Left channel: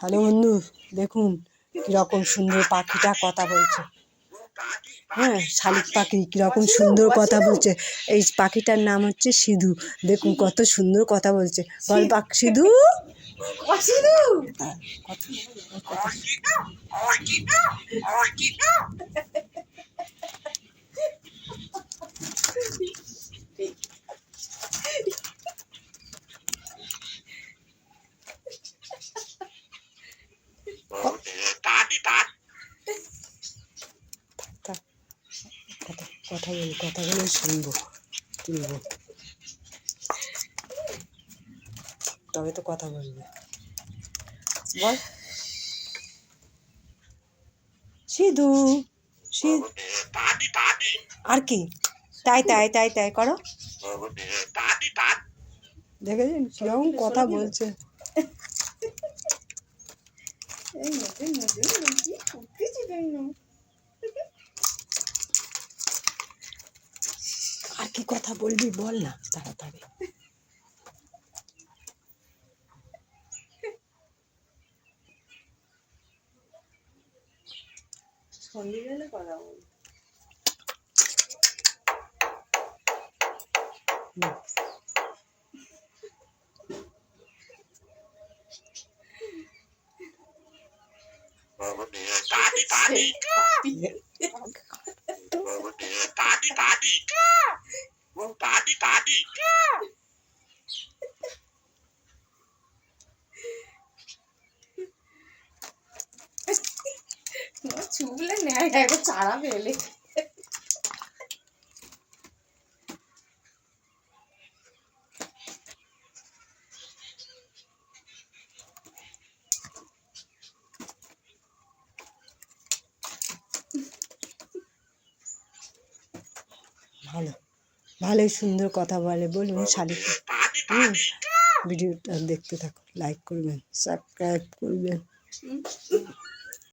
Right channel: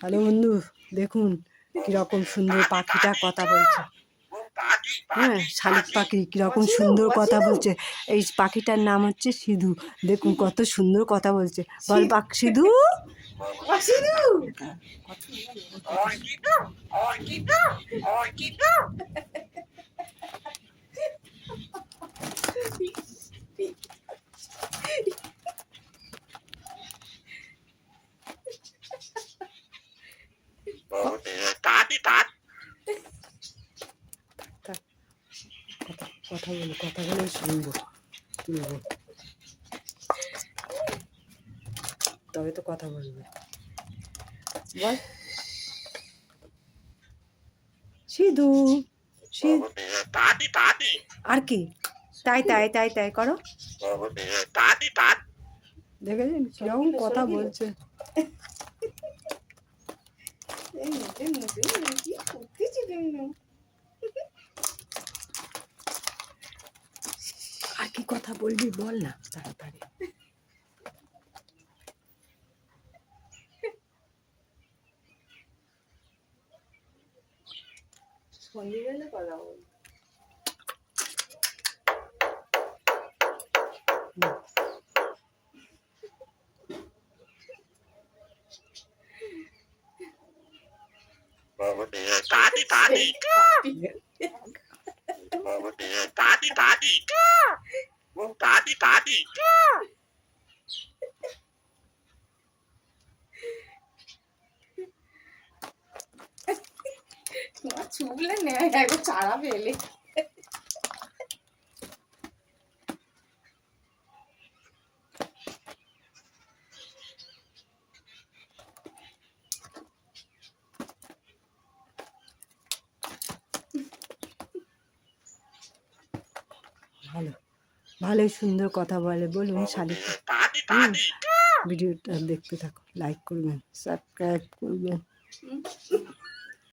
Hello বন্ধু, দেখুন কিরকম সুন্দর পাখিটা কথা বলছে। হ্যাঁ, শালিক পাখি কিরকম সুন্দর কথা বলছে। এই পাখিটার নাম হচ্ছে সিধু। দেখুন কত সুন্দর কথা বলছে। বল পাখ সিধু। কথাগুলো শুনবো, তুলবো, তবে তো কথা বলবে। বল সিধু। আর কি তাই তাই তাই তাই করো। দেখেছেন কিরকম কথা বলছে। আর কি কথা বলবি বল না তাড়াতাড়ি। সন্ধ্যেবেলা কথা বল। চুবলে নেয় একবার চারা পেলে। ভালো, ভালোই সুন্দর কথা বলে। বলুন শালিক। ভিডিওটা দেখতে থাকুন, লাইক করবেন, সাবস্ক্রাইব করবেন।